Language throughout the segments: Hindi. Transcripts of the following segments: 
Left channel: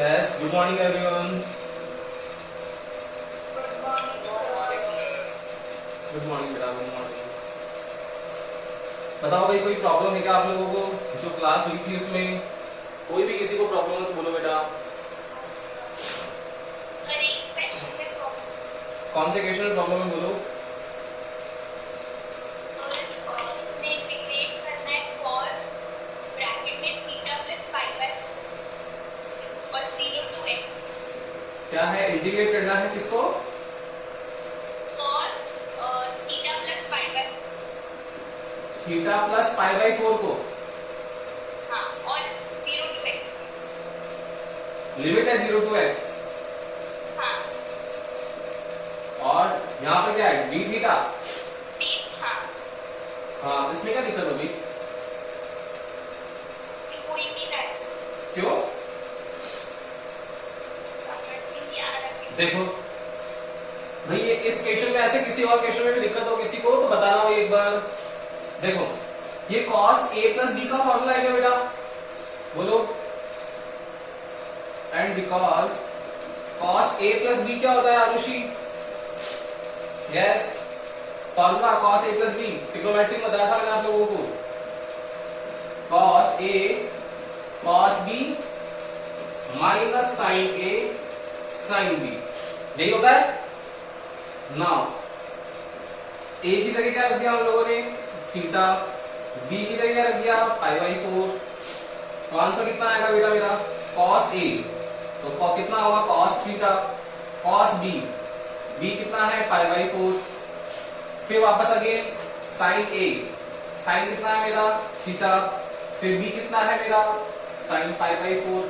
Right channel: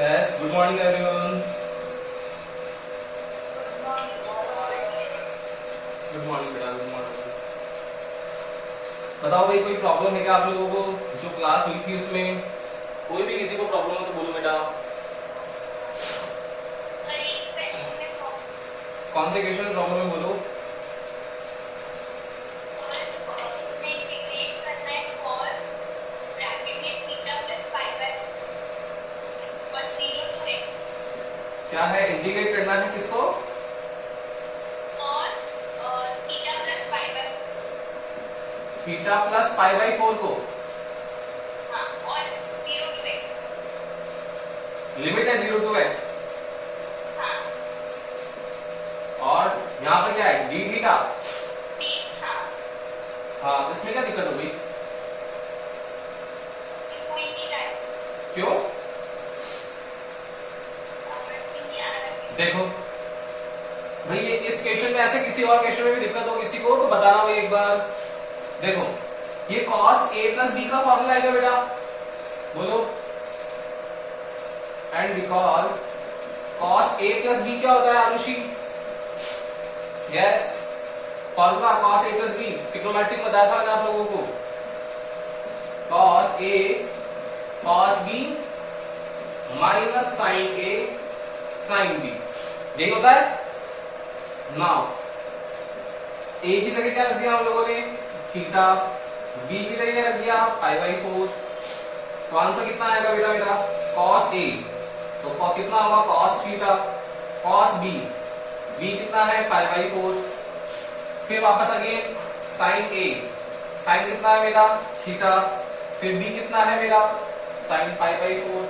Yes, good morning everyone. Good morning बेटा, गुड मॉर्निंग। बताओ भाई, कोई प्रॉब्लम है क्या आप लोगों को? जो क्लास हुई थी उसमें कोई भी किसी को प्रॉब्लम हो तो बोलो बेटा। कौन से क्वेश्चन में प्रॉब्लम है बोलो। क्या है? इंटीग्रेट करना है किसको? थीटा प्लस पाई बाई 4 को। हाँ, और 0 to x। लिमिट है 0 to x। हाँ। और यहाँ पे क्या है? D theta. हाँ। हाँ, तो इसमें क्या दिक्कत होगी? कोई नहीं है। क्यों? देखो भाई, ये इस क्वेश्चन में ऐसे किसी और क्वेश्चन में भी दिक्कत हो किसी को तो बताना भाई एक बार। देखो, ये cos a प्लस बी का फॉर्मूला है क्या बेटा? बोलो। And because cos a plus B क्या होता है Arushi? Yes, formula cos a plus B trigonometry बताया था मैंने आप लोगों को। cos a cos b minus sine a sine b, यही होता है। नाउ a की जगह क्या रख दिया हम लोगों ने? थीटा। b की जगह रख दिया पाई बाई 4। तो आंसर कितना आएगा बेटा मेरा? cos a, तो कितना होगा? cos theta. cos b, b कितना है? Pi by 4। फिर वापस अगेन sin a, sin कितना है मेरा? थीटा। फिर b कितना है मेरा? sin pi by 4।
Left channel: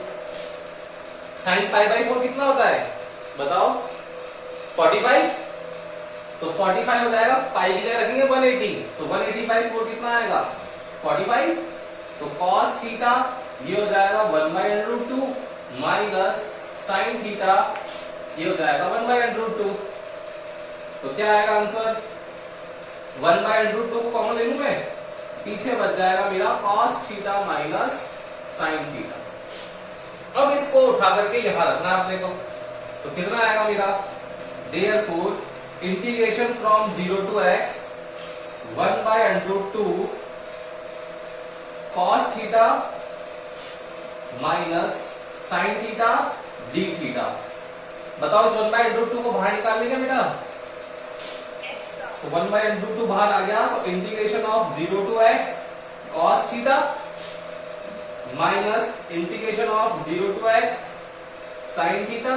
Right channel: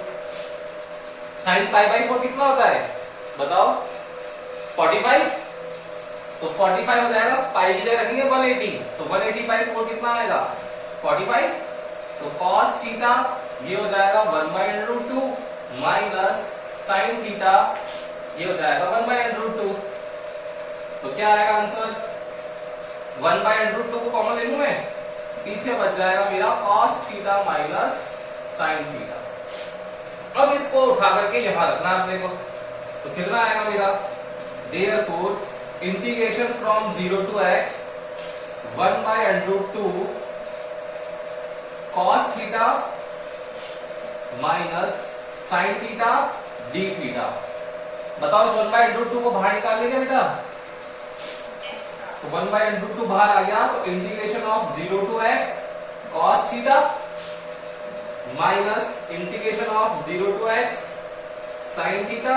sin pi by 4 कितना होता है बताओ? 45। तो 45 हो जाएगा, पाई की जगह रखेंगे 180, तो 180 बाई 4 कितना आएगा? 45। तो cos थीटा ये हो जाएगा 1/√2 माइनस sin थीटा ये हो जाएगा 1/√2। तो क्या आएगा आंसर? 1/√2 को कॉमन ले लूं मैं, पीछे बच जाएगा मेरा cos theta minus sin theta. अब इसको उठा करके यहां रखना अपने को, तो कितना आएगा मेरा? Therefore integration from 0 to x 1/√2 cos theta minus sin theta d theta. बताओ, इस 1/√2 को बाहर निकाल लेंगे बेटा? तो 1/√2 बाहर आ गया, तो integration of 0 to x cos theta minus integration of 0 to x sin theta.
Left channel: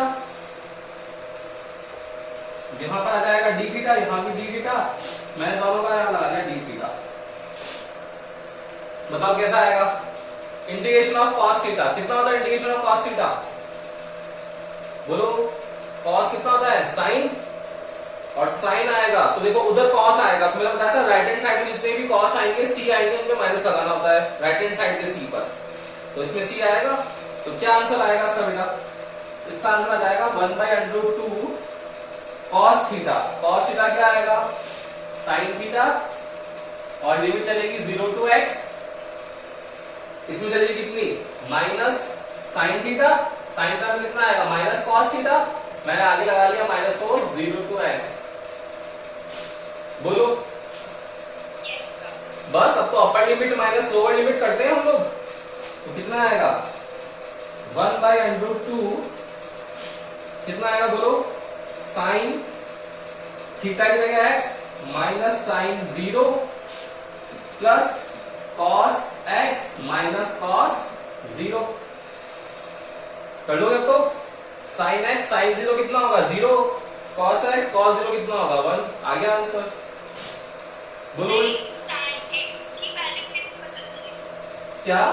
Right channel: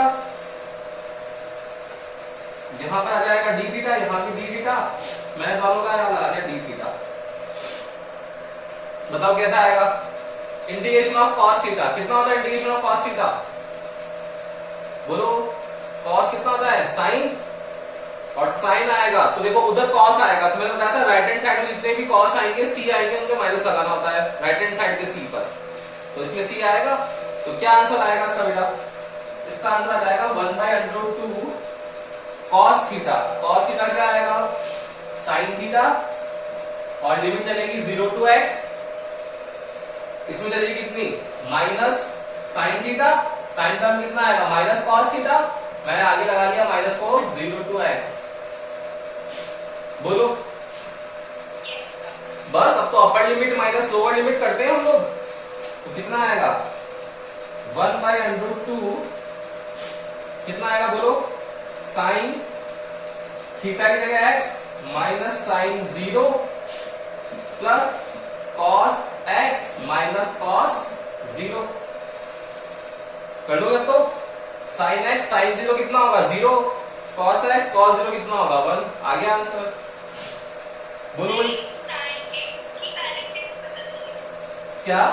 यहां पर आ जाएगा डी थीटा, यहां भी डी थीटा, मैंने दोनों का यहां लगा दिया डी थीटा। बताओ कैसा आएगा? इंटीग्रेशन ऑफ cos थीटा कितना होता है? इंटीग्रेशन ऑफ cos थीटा बोलो। cos कितना होता है? sin, और sin आएगा तो देखो उधर cos आएगा, तो मैंने बताया था राइट हैंड साइड में जितने भी cos आएंगे c आएंगे उनको माइनस लगाना होता है राइट हैंड साइड के c पर, तो इसमें c आएगा। तो क्या आंसर आएगा इसका बेटा? इसका आंसर आ जाएगा 1/√2 cos थीटा। cos थीटा क्या आएगा? sin थीटा, और लिमिट चलेगी 0 to x, इसमें चलेगी कितनी? Minus sin theta. sin term कितना आएगा? माइनस cos थीटा, मैंने आगे लगा लिया माइनस को 0 to x। बोलो बस। अब तो अपर लिमिट माइनस लोअर लिमिट करते हैं हम लोग, तो कितना आएगा? 1/√2 कितना आएगा बोलो? साइन थीटा की जगह x minus sine 0 plus cos x minus cos 0 कर लोगे अब तो। साइन x साइन 0 कितना होगा? 0। cos x cos 0 कितना होगा? 1। आ गया आंसर। बोलो क्या?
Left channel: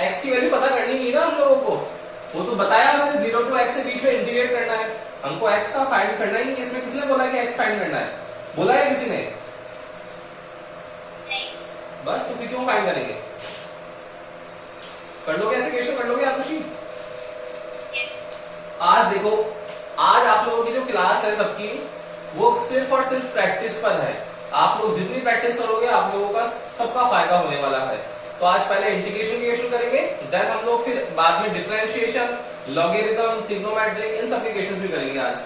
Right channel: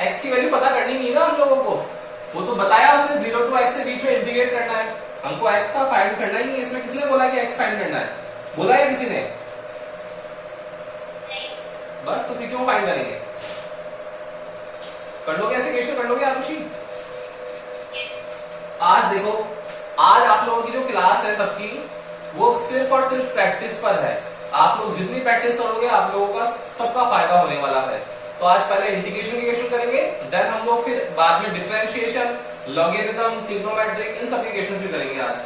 x की वैल्यू पता करनी नहीं ना हम लोगों को, वो तो बताया उसने 0 to x से बीच में इंटीग्रेट करना है, हमको x का फाइंड करना ही नहीं। इसमें किसने बोला कि x फाइंड करना है? बोला है किसी ने? बस, तो फिर क्यों फाइंड करेंगे? कर लोगे ऐसे क्वेश्चन, कर लोगे आरुषि? आज देखो, आज आप लोगों की जो क्लास है सबकी, वो सिर्फ और सिर्फ प्रैक्टिस पर है। आप लोग जितनी प्रैक्टिस करोगे आप लोगों का सबका फायदा होने वाला है। तो आज पहले इंटीग्रेशन की क्वेश्चन करेंगे, देन हम लोग फिर बाद में डिफरेंशिएशन, लॉगरिथम, ट्रिग्नोमेट्रिक, इन सब के क्वेश्चंस भी करेंगे आज,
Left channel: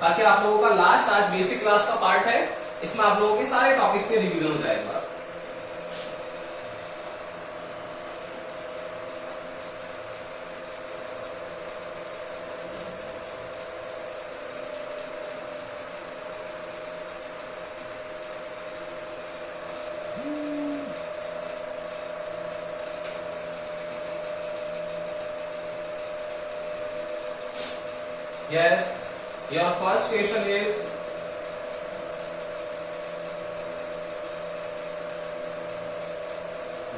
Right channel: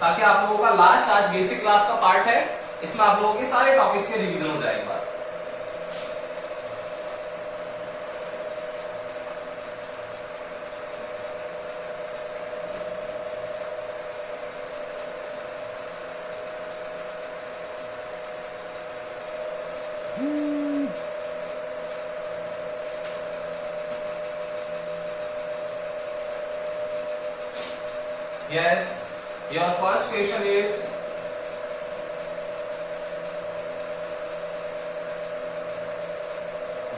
ताकि आप लोगों का लास्ट आज बेसिक क्लास का पार्ट है, इसमें आप लोगों के सारे टॉपिक्स के रिवीजन हो जाएगा। Yes, your first question is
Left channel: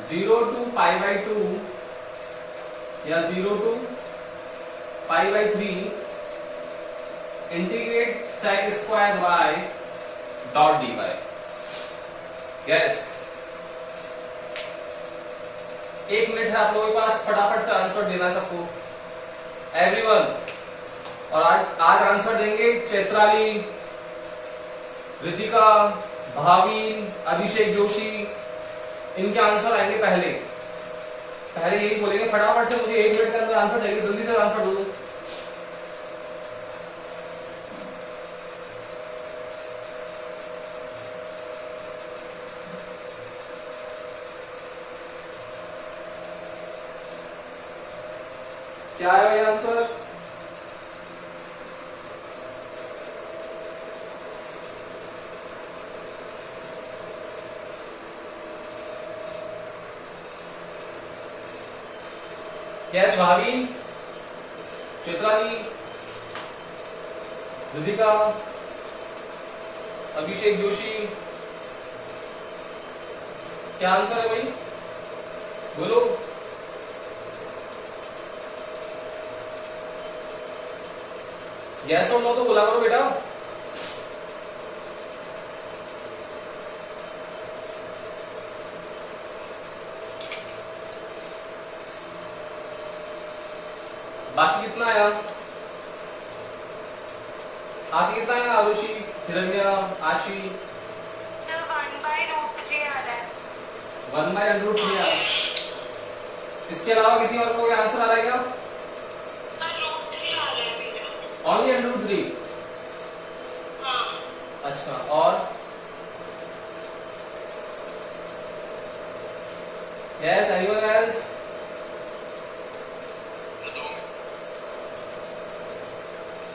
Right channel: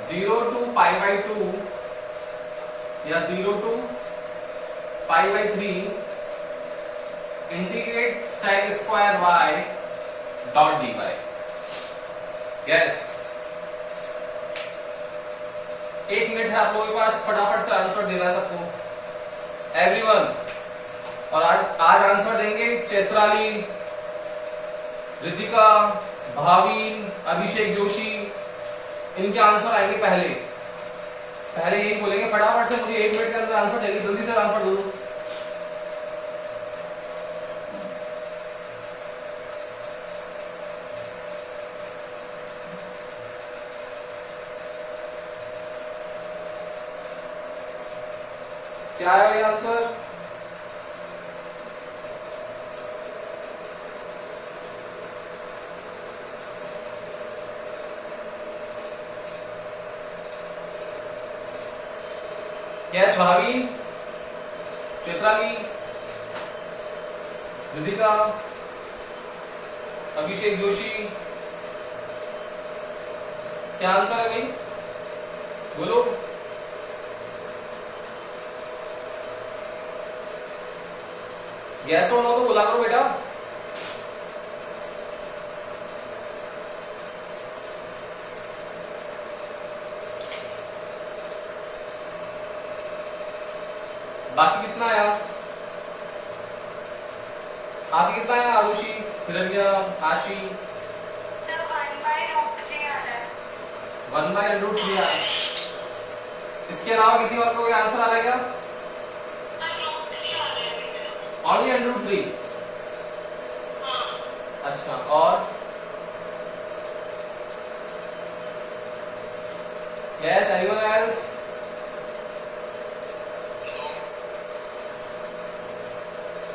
zero to pi by 2 या 0 to pi by 3 integrate sec square y dot dy. Yes, 1 minute है आप लोगों के पास, फटाफट से आंसर देना सबको, एवरीवन। और आज आंसर देंगे चैत्राली, रितिका, भावीन, अभिषेक जोशी, इनके आंसर आएंगे पहले यही बोलेंगे फटाफट से मुझे 1 मिनट के अंदर आंसर चाहिए, जल्दी से आंसर दो। क्या है ये आंसर? यस, भावीन, चैत्राली, रितिका, अभिषेक जोशी, क्या आंसर है भाई? बोलो। यस और नो तो बोला करो बेटा। बाकी कितना आया? आपकी कितना आया? आरुषि, हिरण्या, आशी? सर 1/√3 आ रहा है। 1/√3 आ रहा है। इसके अलावा किसी और को कोई आंसर आ रहा है क्या? √3 आ रहा है। ओनली √3? हाँ। अच्छा, और? Yes, anyone else?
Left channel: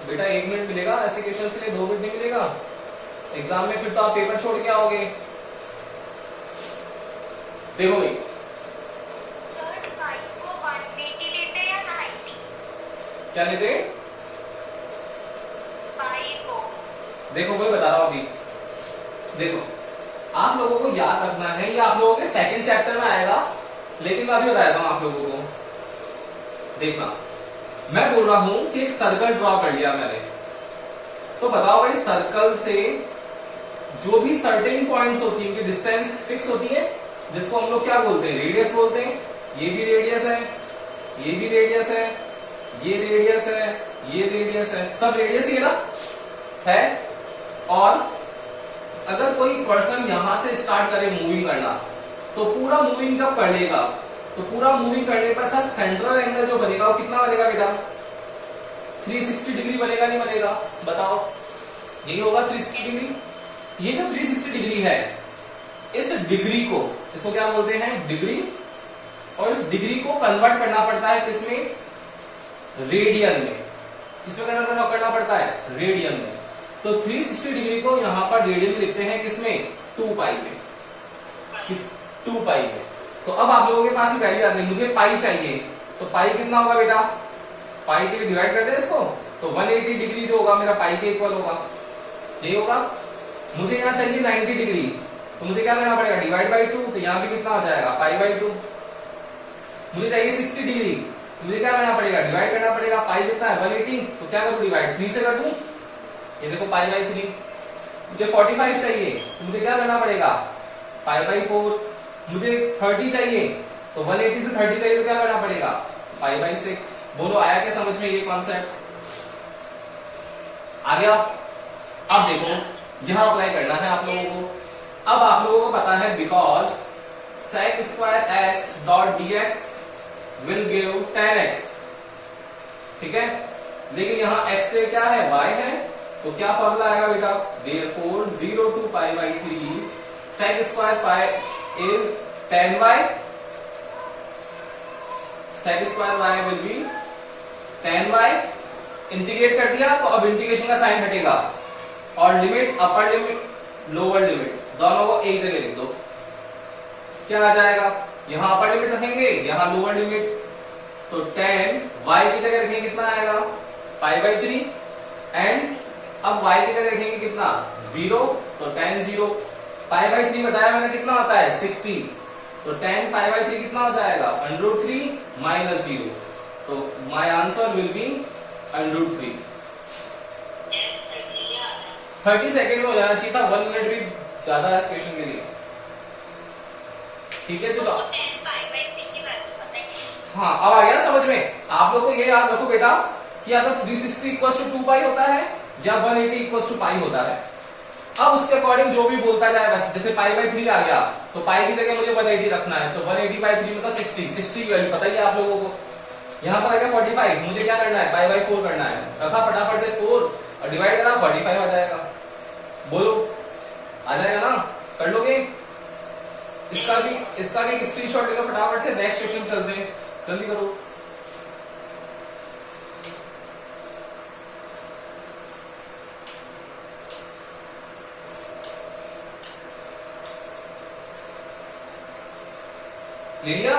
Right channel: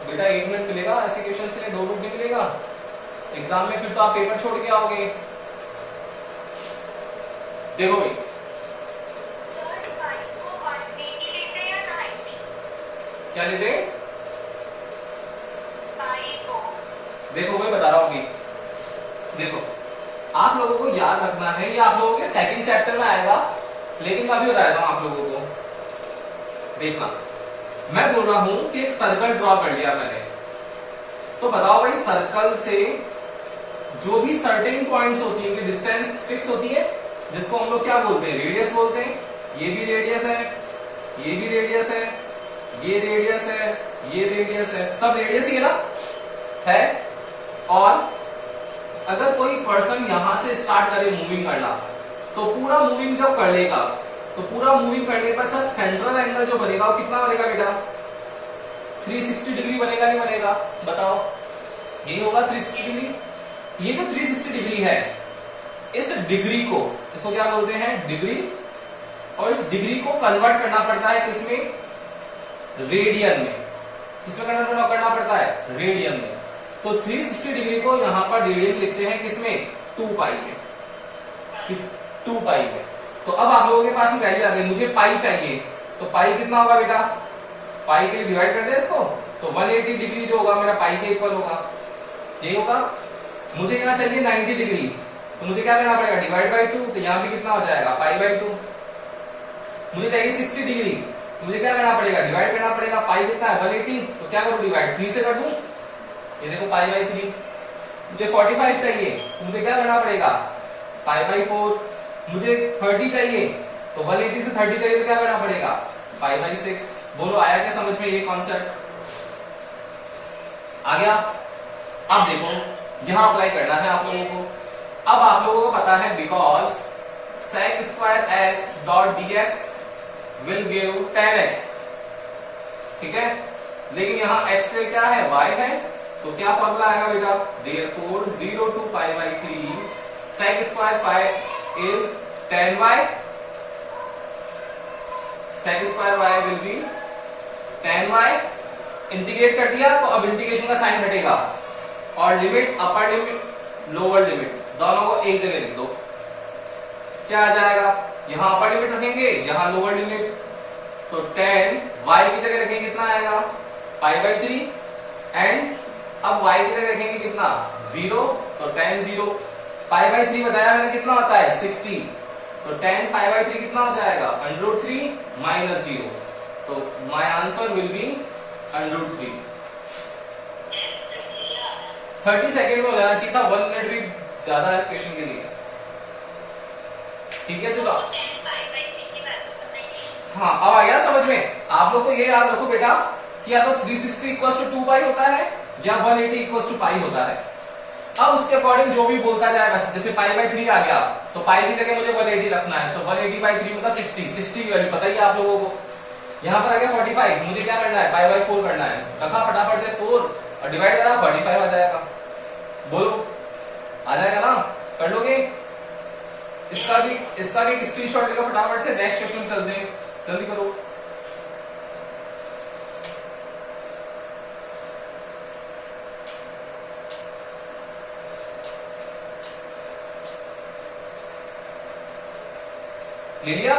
बेटा 1 मिनट मिलेगा ऐसे क्वेश्चंस के लिए, 2 मिनट नहीं मिलेगा एग्जाम में, फिर तो आप पेपर छोड़ के आओगे। देखो भाई, सर पाई को 180 लेते या 90? क्या लेते? पाई को। देखो मैं बता रहा हूं अभी, देखो आप लोगों को याद रखना है, ये आप लोगों के सेकंड चैप्टर में आएगा, लेकिन मैं अभी बता देता हूं आप लोगों को। देखना, मैं बोल रहा हूं कि एक सर्कल ड्रॉ कर लिया मैंने, तो बताओ भाई सर्कल से जो भी सर्टेन पॉइंट्स होती है, डिस्टेंस फिक्स होती है, जिसको हम लोग क्या बोलते हैं? रेडियस बोलते हैं। ये भी रेडियस है, ये भी रेडियस है, ये रेडियस है, ये रेडियस है, सब रेडियस ही है ना, है। और अगर कोई पर्सन यहां से स्टार्ट करे मूविंग करना, तो पूरा मूविंग जब कर लेगा, तो पूरा मूविंग करने पर सर सेंट्रल एंगल जो बनेगा वो कितना बनेगा बेटा? 360 डिग्री बनेगा, नहीं बनेगा? बताओ, यही होगा 360 डिग्री। ये जो 360 डिग्री है, इस डिग्री को, इसको क्या बोलते हैं? डिग्री। और इस डिग्री को कन्वर्ट करना पड़ता है किसमें? रेडियन में। किसमें कन्वर्ट करना पड़ता है? रेडियन में। तो 360 डिग्री को यहां पर रेडियन में लिखते हैं किसमें? 2 पाई में। किस 2 पाई में। तो अब आप लोगों के पास ही वैल्यू आ गई, मुझे पाई चाहिए, तो पाई कितना होगा बेटा? पाई के लिए डिवाइड कर दे इसको, तो 180 डिग्री जो होगा मेरा पाई के इक्वल होगा, यही होगा। मुझे यहाँ चाहिए 90 डिग्री, तो मुझे क्या करना पड़ेगा? डिवाइड बाई 2, तो यहाँ भी कितना हो जाएगा? Pi by 2। मुझे चाहिए 60 डिग्री, तो मुझे क्या करना पड़ेगा? डिवाइड करना पड़ेगा। पाई कितना है? 180, तो क्या करूँ? डिवाइड 3 से कर दूं, ये देखो पाई बाई 3। मुझे 45 चाहिए, तो मुझे क्या करना पड़ेगा? Pi by 4। मुझे 30 चाहिए, तो 180 से 30 चाहिए, तो क्या करना पड़ेगा? Pi by 6। बोलो आया क्या समझ में ये कॉन्सेप्ट? आ गया? अब देखो यहां अप्लाई करना है आप लोगों को। अब आप लोगों को पता है because sec square x dot dx will give 10x, ठीक है। लेकिन यहाँ x से क्या है, y है, तो क्या फॉर्मूला आएगा बेटा, therefore 0 to pi by 3 sec square phi is 10y, sec square y will be 10y। Integrate कर दिया तो अब इंटीग्रेशन का साइन हटेगा और limit upper limit lower limit दोनों को एक जगह लिख दो। क्या आ जाएगा, यहां अपर लिमिट रखेंगे, यहां लोअर लिमिट, तो 10 y की जगह रखेंगे कितना आएगा, पाई बाई 3, एंड अब y की जगह रखेंगे कितना, 0, तो 10 0, पाई बाई 3 बताया मैंने कितना होता है, 60, तो 10 पाई बाई 3 कितना हो जाएगा, √3 माइनस 0, तो my answer will be √3। 30 second में हो जाना चाहिए था, 1 मिनट भी ज्यादा है इस क्वेश्चन के लिए, ठीक है। जो हाँ अब आ गया समझ में। आप लोग को ये याद रखो बेटा कि या तो 360 इक्वल टू 2 पाई होता है या 180 इक्वल टू पाई होता है। अब उसके अकॉर्डिंग जो भी बोलता जाएगा, जैसे पाई बाई 3 आ गया तो पाई की जगह मुझे 180 रखना है, तो 180 बाई 3 मतलब 60 की वैल्यू पता ही है आप लोगों को। यहाँ पर आ गया 45, मुझे क्या करना है, पाई बाई 4 करना है, रखा फटाफट से 4 और डिवाइड करा, 45 आ जाएगा। बोलो आ जाएगा ना, कर लोगे। इसका भी एक स्क्रीनशॉट लो फटाफट से, नेक्स्ट क्वेश्चन चलते हैं, जल्दी करो। ले लिया,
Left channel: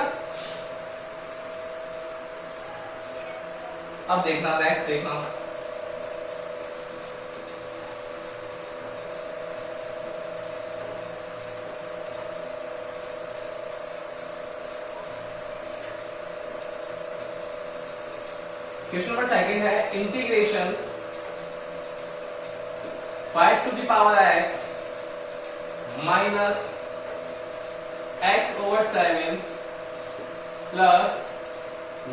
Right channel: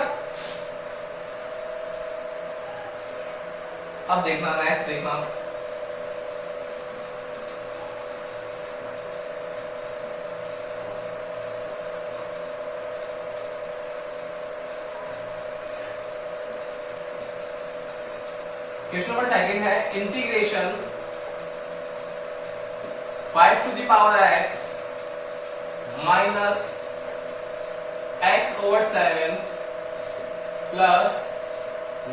अब देखना नेक्स्ट देखना। क्वेश्चन नंबर सेकंड है, integration 5 to the power x minus x over 7 plus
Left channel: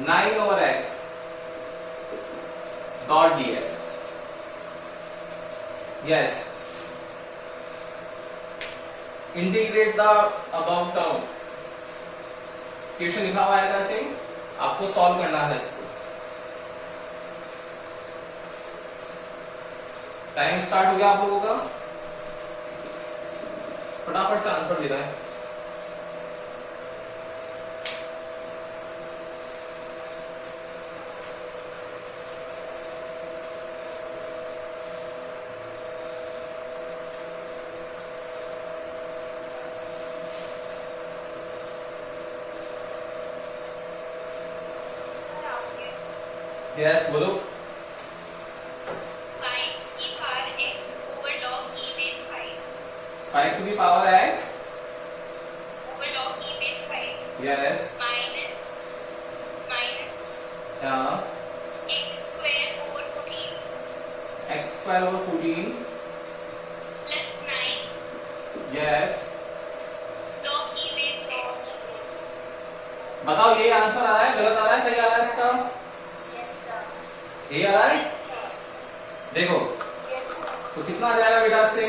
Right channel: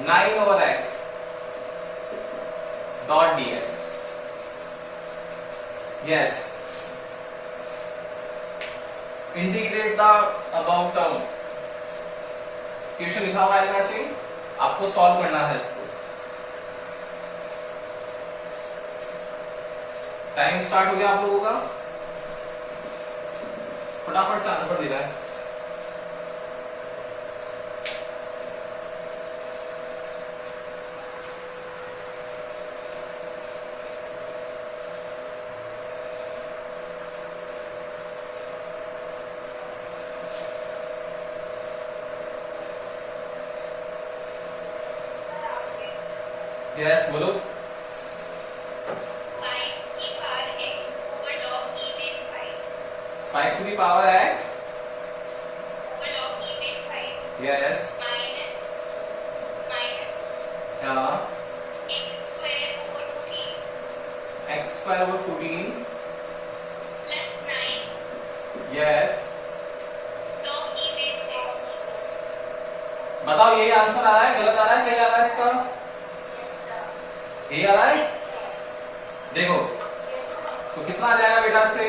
9 over x dot dx। yes, integrate the above term। Question लिखा हुआ है ऐसे, आपको सॉल्व करना है इसको। टाइम स्टार्ट हो गया आप लोगों का, फटाफट से आंसर दे रहा है। यस बोलो। 5 to the power x over log e base 5 yes minus yeah x square over 14 x square over 14 plus 9 yes। log e base 4। बताओ यही आंसर आ रहा है, गलत आ रहा है, सही आ रहा है इसका, यही आ रहा है। देखो तो कितना आ जाएगा बेटा इससे,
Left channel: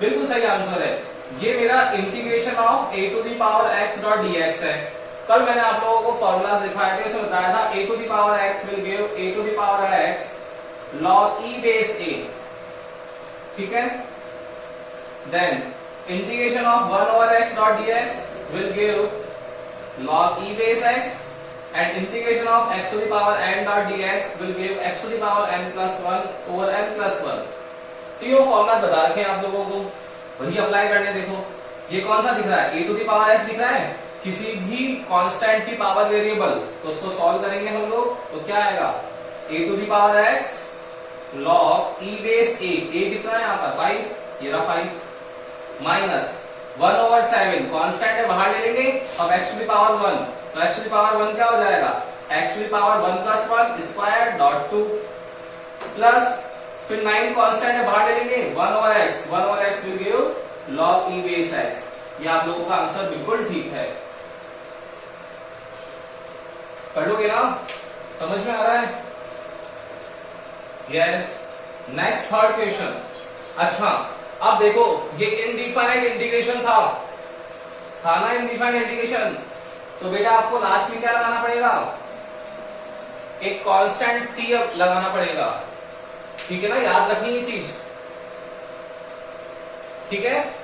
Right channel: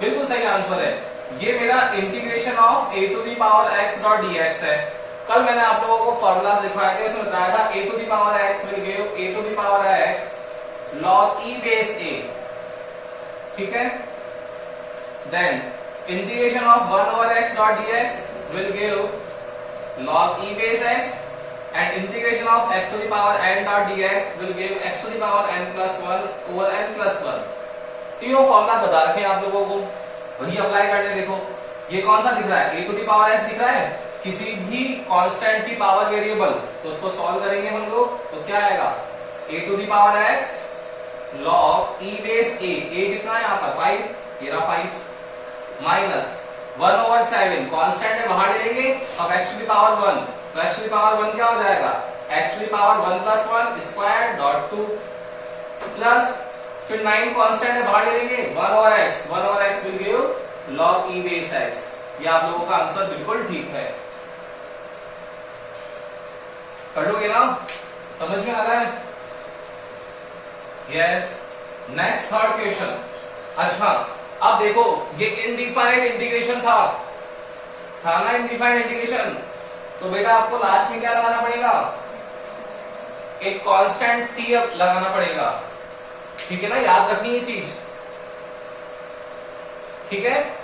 बिल्कुल सही आंसर है। ये मेरा integration of a to the power x dot dx है। कल मैंने आप लोगों को फॉर्मूला सिखाया थे, उसमें बताया था a to the power x will give a to the power x log e base a, ठीक है। Then integration of 1 over x dot dx will give log e base x and integration of x to the power n dot dx will give x to the power n plus 1 over n plus 1। तीनों फॉर्मुला बता रखे हैं आप लोगों को, वही अप्लाई करने। देखो ये कौन सा दिख रहा है, a to the power x दिख रहा है, किसी भी कांस्टेंट की पावर वेरिएबल, तो उसको सॉल्व करेंगे हम लोग, तो क्या आएगा, a to the power x log e base a, a कितना है यहाँ पर 5, ये रहा 5, माइनस 1 ओवर 7 कांस्टेंट है, बाहर ले लेंगे, अब x टू दी पावर 1, तो x टू दी पावर 1 क्या हो जाएगा, x to the power 1 plus 1 square dot 2 plus फिर 9 कांस्टेंट है, बाहर ले लेंगे, 1 over x will give log e base x। ये आप लोगों का आंसर बिल्कुल ठीक है, कर लोगे ना, समझ में आ रहा है। Yes, next third question. अच्छा अब देखो ये इनडिफाइनाइट इंटीग्रेशन था, था ना इनडिफाइंड इंटीग्रेशन, तो बेटा आपको लास्ट में क्या लगाना पड़ेगा, एक कांस्टेंट सी अब लगाना पड़ेगा, ठीक है ना, याद रखनी ये चीज, ठीक है।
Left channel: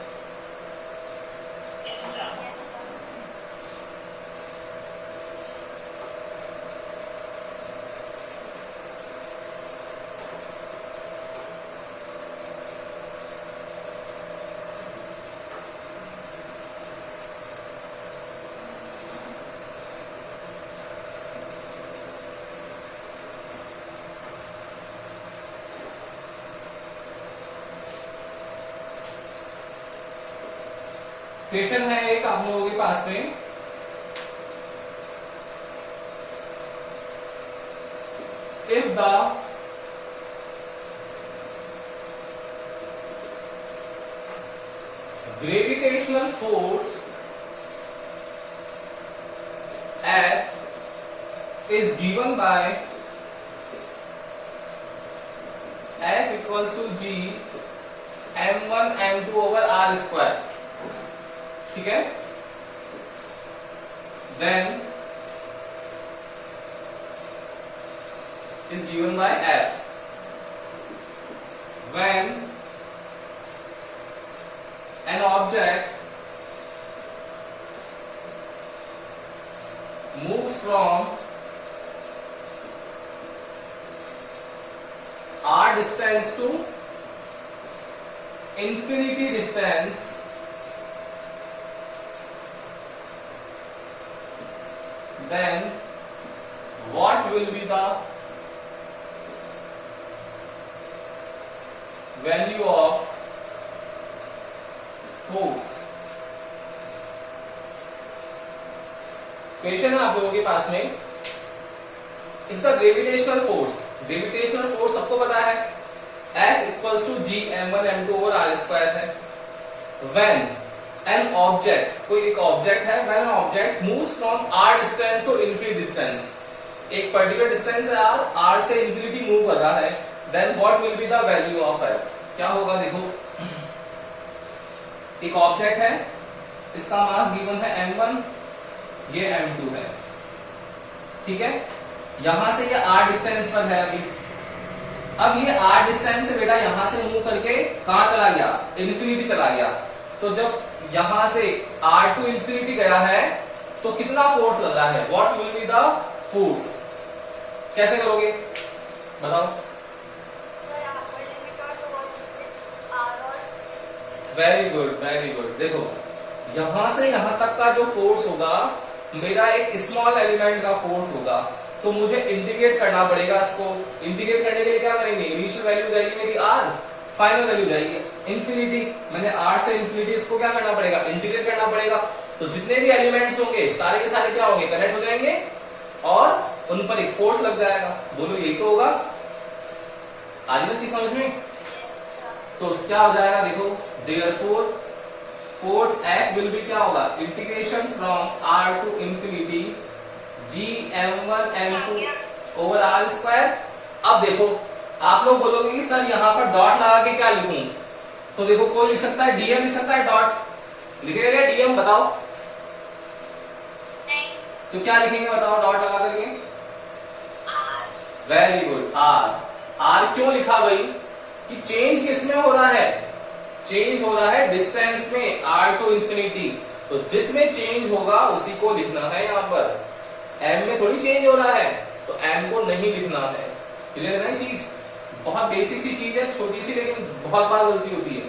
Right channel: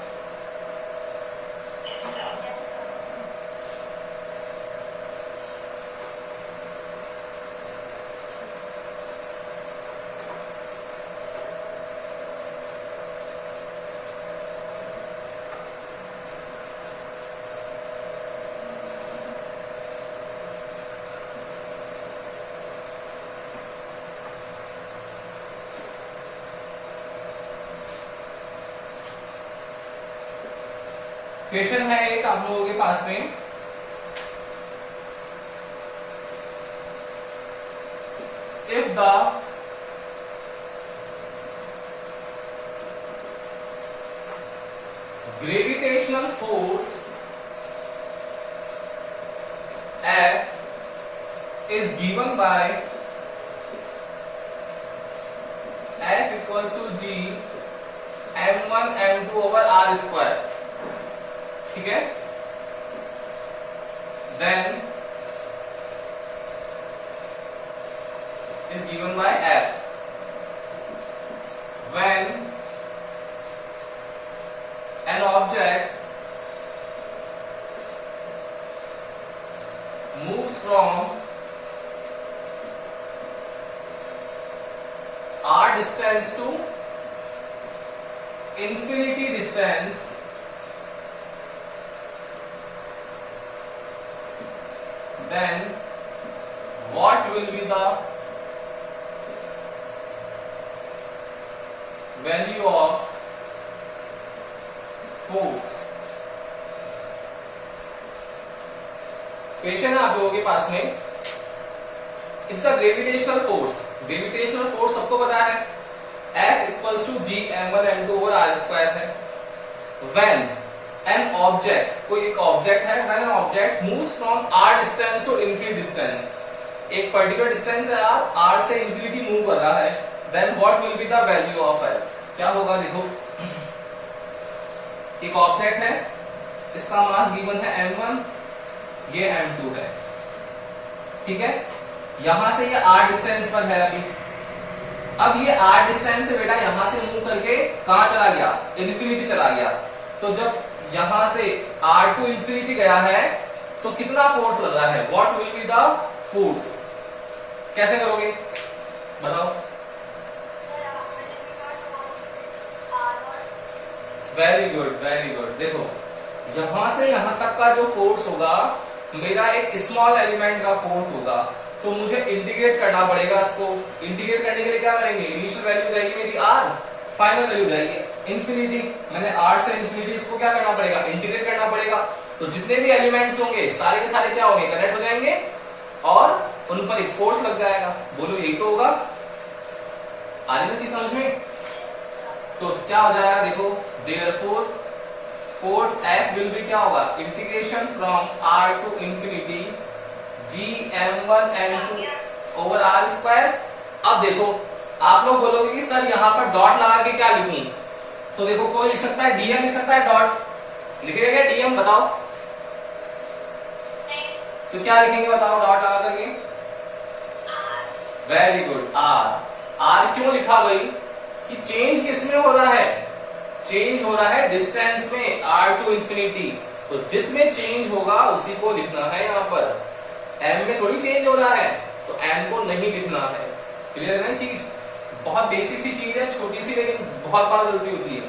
क्वेश्चन है एक आप लोगों के पास में, if the gravitational force F is given by F equals to G m1 m2 over r square, ठीक है, then is given by F when an object moves from r distance to infinity distance, then what will be the value of force? Question है आप लोगों के पास में, it's a gravitational force, gravitational force सबको पता है, F equals to G m1 m2 over r square है, व्हेन एन ऑब्जेक्ट, कोई एक ऑब्जेक्ट है, when an object moves from r distance to infinity distance, एक पर्टिकुलर डिस्टेंस है r से इन्फिनिटी मूव कर रहा है, then what will be the value of F? क्या होगा, देखो एक ऑब्जेक्ट है, इसका मास गिवन है m1, ये m2 है, ठीक है, यहां से ये r डिस्टेंस पर है अभी, अब ये r डिस्टेंस से बेटा यहां से मूव करके कहां चला गया, इन्फिनिटी चला गया, तो जब यहां से r टू इन्फिनिटी गया है तो कितना फोर्स लग रहा है, what will be the force? कैसे करोगे बताओ? वेरी गुड वेरी गुड, देखो यहां से यहां तक का जो फोर्स होगा मेरा एक स्मॉल एलिमेंट का फोर्स होगा, तो मुझे इंटीग्रेट करना पड़ेगा इसको, इंटीग्रेट करने के लिए क्या करेंगे, इनिशियल वैल्यू जाएगी मेरी r, फाइनल वैल्यू जाएगी इन्फिनिटी, मैंने r से इन्फिनिटी इसको क्या करना पड़ेगा, इंटीग्रेट करना पड़ेगा, तो जितने भी एलिमेंट्स होंगे सारे के सारे क्या होंगे, कनेक्ट हो जाएंगे और उन पर एक फोर्स लग जाएगा, बोलो यही तो होगा, आ रही ना चीज समझ में? तो क्या हो जाएगा, देखो therefore force F will be क्या होगा, integration from r to infinity G m1 m2 over r square. अब देखो आप लोग बोलोगे कि सर यहाँ पर डॉट लगा के क्या लिखूं, तो देखो कोई लिख सकता है dm लिख सकता है, डॉट लिखेगा क्या dm बताओ? तो क्या लिखेंगे बताओ डॉट लगा करके? वेरी गुड, r क्यों लिखा भाई, कि चेंज किसमें हो रहा है, चेंज हो रहा है डिस्टेंस में r टू इंफिनिटी, तो जिसमें चेंज होगा उसी को लिखना है, यहाँ पर m में थोड़ी चेंज हो रहा है तो m को नहीं लिखना है, क्लियर है ना चीज? बहुत बेसिक सी चीज है, छोटी सी, लेकिन बहुत बार गलती होती है।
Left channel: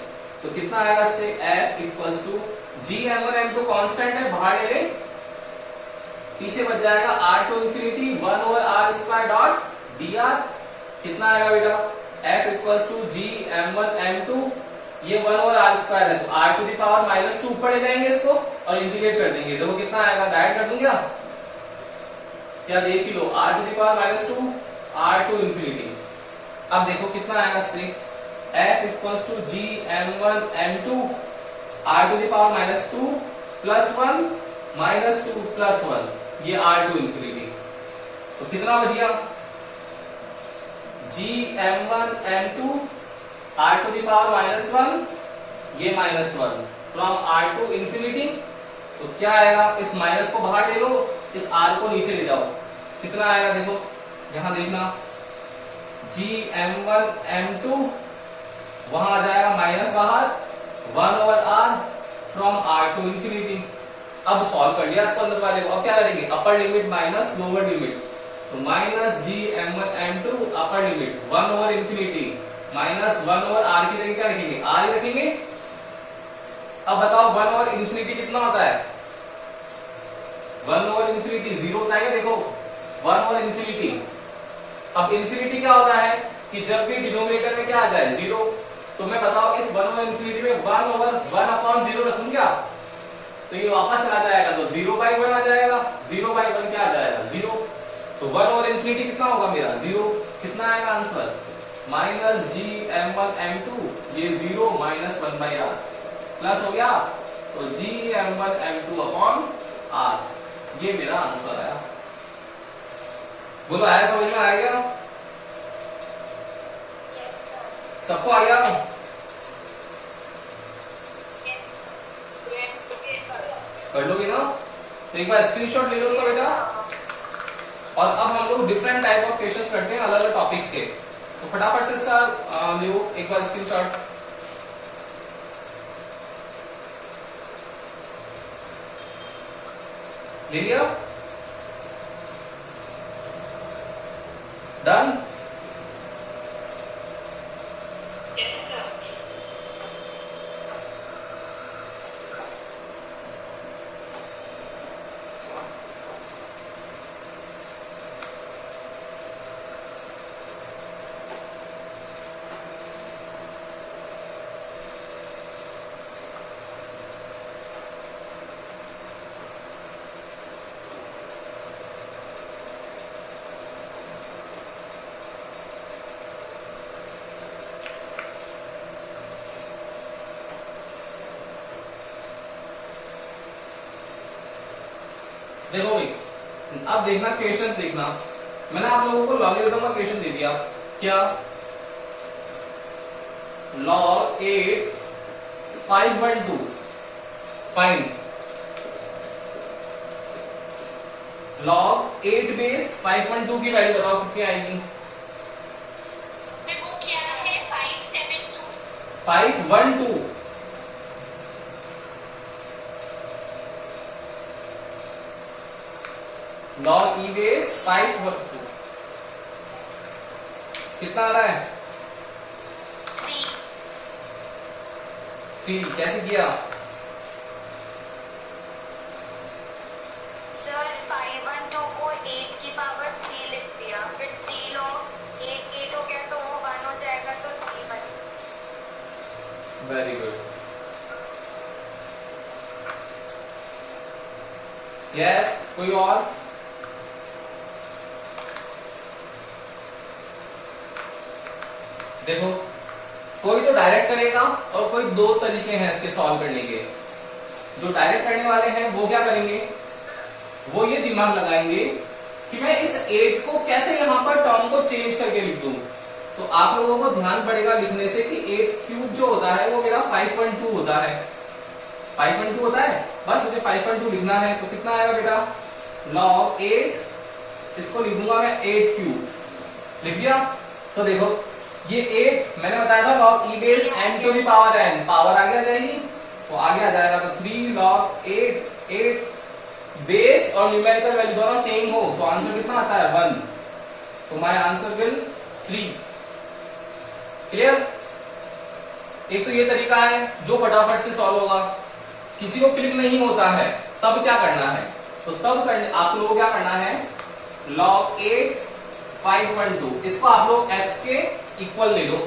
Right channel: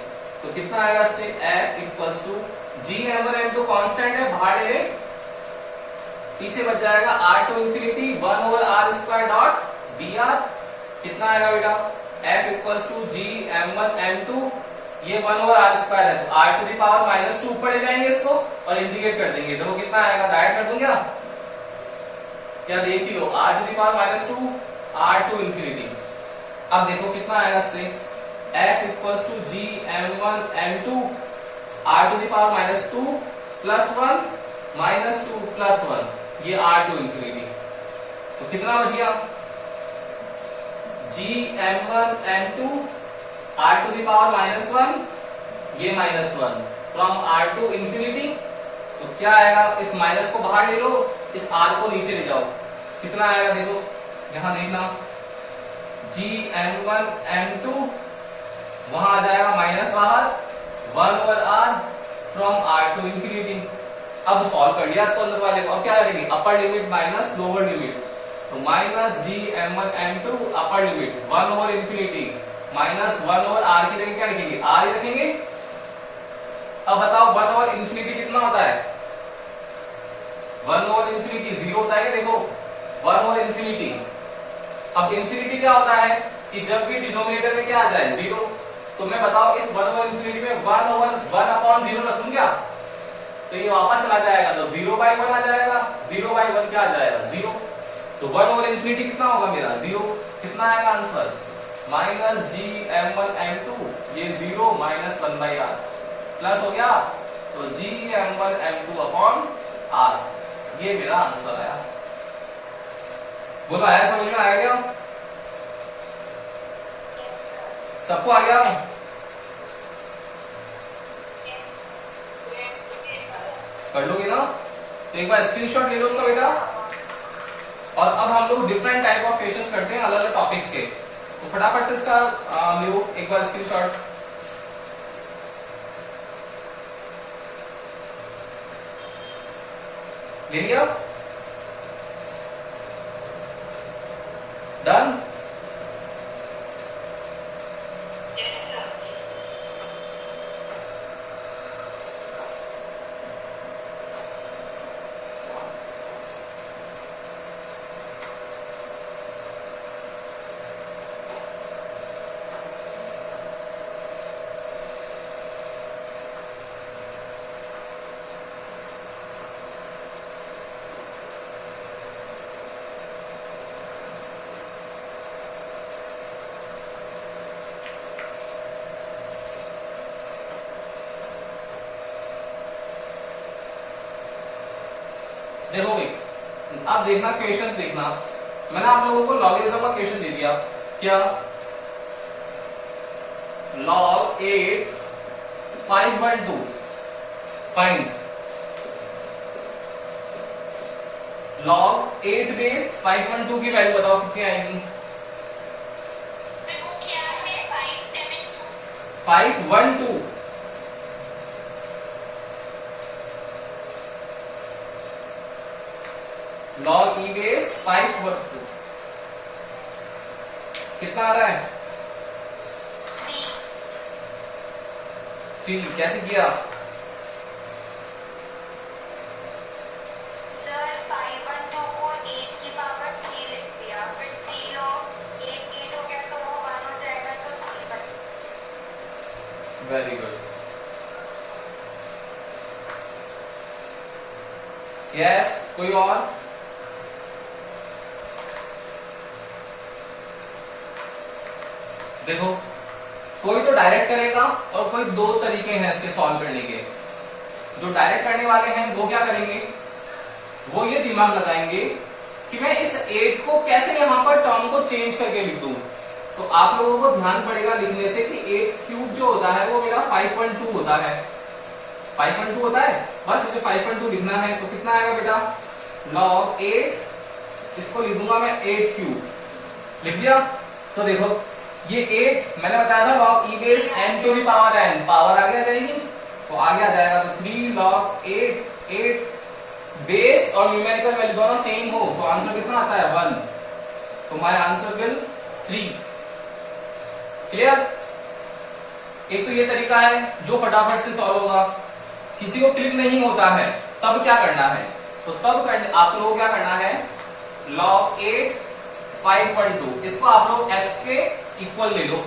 तो कितना आएगा इससे, F equals to G m1 m2 constant है, बाहर ले ले, पीछे बच जाएगा r to infinity 1 over r square dot dr, कितना आएगा बेटा, F equals to G m1 m2, ये 1 ओवर r स्क्वायर है तो r टू दी पावर -2 पड़े जाएंगे इसको और इंटीग्रेट कर देंगे, देखो कितना आएगा, डायरेक्ट कर दूं क्या देख ही लो, r to the power -2 r to infinity. अब देखो कितना आएगा इससे, F equals to G m1 m2 r to the power -2 plus 1 -2 plus 1, ये r टू इंफिनिटी, तो कितना बच गया, G m1 m2 r to the power -1, ये -1 फ्रॉम r टू इंफिनिटी, तो क्या आएगा, इस माइनस को बाहर ले लो, इस r को नीचे ले जाओ, कितना आएगा देखो, यहां देखना gm1m2, वहां आ जाएगा माइनस बाहर 1/r from r to infinity. अब सॉल्व कर लिया इसको अंदर वाले को, अब क्या करेंगे, upper limit minus lower limit, तो माइनस gm1m2 अपर लिमिट 1/इंफिनिटी माइनस 1/r की जगह क्या रखेंगे, r ही रखेंगे। अब बताओ 1/इंफिनिटी कितना होता है, 1/इंफिनिटी 0 होता है क्या, देखो 1/इंफिनिटी। अब इंफिनिटी क्या होता है कि जब भी डिनोमिनेटर में क्या आ जाए 0, तो मैं बताओ इस 1/इंफिनिटी में 1/1/0 रखूं क्या, तो ये वापस चला जाएगा, तो 0/1 आ जाएगा, 0/1 क्या आ जाएगा 0, तो 1/इंफिनिटी कितना होगा मेरा 0, कितना आएगा आंसर माइनस gm1m2, ये 0 माइनस 1/r प्लस हो गया, तो gm1m2 अपॉन r, ये मेरा आंसर आया। बोलो आया, समझ में आ गया, सबको आ गया, पढ़ लोगे ना, तो एक बार स्क्रीनशॉट ले लो उसका बेटा। और अब हम लोग डिफरेंट टाइप ऑफ क्वेश्चंस करते हैं अलग अलग टॉपिक्स के, तो फटाफट से इसका लो एक बार स्क्रीनशॉट। ले लिया, डन। देखो भाई, अब देखना क्वेश्चंस देखना, मैंने आप लोगों को लॉगरिथम का क्वेश्चन दे दिया, क्या log 8 5/2 फाइंड log 8 बेस 5/2 की वैल्यू बताओ कितनी आएगी, देखो क्या है 5/2 5/2 log e बेस 5/2 कितना आ रहा है 3, कैसे किया, सर 5/2 को 8 की पावर 3 लिख दिया, फिर 3 log 8 हो गया तो वो 1 हो जाएगा, तो 3 बच। वेरी गुड, यस, कोई और, देखो कोई तो डायरेक्ट करेगा और कोई दो तरीके हैं इसके सॉल्व करने के। जो डायरेक्ट करने वाले हैं वो क्या करेंगे, वो ये दिमाग लगाएंगे कि मैं इस 8 को कैसे यहां पर टर्म को चेंज करके लिख दूं। तो आप लोगों को ध्यान पड़ेगा लिखने से कि 8 क्यूब जो होता है वो मेरा 5/2 होता है, 5/2 होता है, बस मुझे 5/2 लिखना है। तो कितना आएगा बेटा log 8, इसको लिख दूंगा मैं 8 क्यूब, लिख दिया। तो देखो ये 8 मैंने बताया था log e base n to the power n, power आगे आ जाएगी तो आगे आ जाएगा, तो 3 log 8 बेस और न्यूमेरिकल वैल्यू दोनों सेम हो तो आंसर कितना आता है 1, तो माय आंसर विल 3। क्लियर, एक तो ये तरीका है जो फटाफट से सॉल्व होगा। किसी को क्लिक नहीं होता है तब क्या करना है, तो तब आप लोगों को क्या करना है log 8 5/2, इसको आप लोग x के इक्वल ले लो।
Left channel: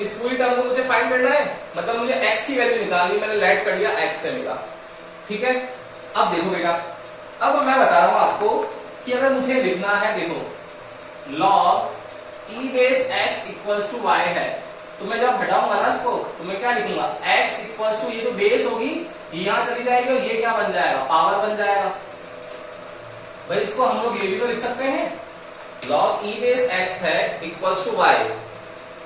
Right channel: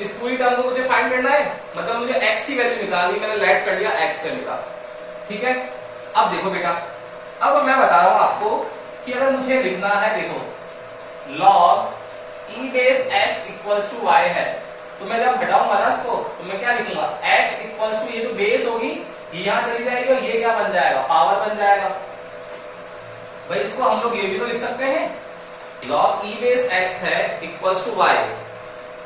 इस पूरी टर्म को मुझे फाइंड करना है, मतलब मुझे x की वैल्यू निकालनी, मैंने लेट कर लिया x से निकाल, ठीक है। अब देखो बेटा, अब मैं बता रहा हूं आपको कि अगर मुझे लिखना है, देखो log e base x equals to y है, तो मैं जब हटाऊंगा ना इसको तो मैं क्या लिखूंगा x इक्वल्स टू, ये जो बेस होगी ये यहां चली जाएगी और ये क्या बन जाएगा पावर बन जाएगा। भाई इसको हम लोग ये भी तो लिख सकते हैं log e बेस x है इक्वल्स टू y,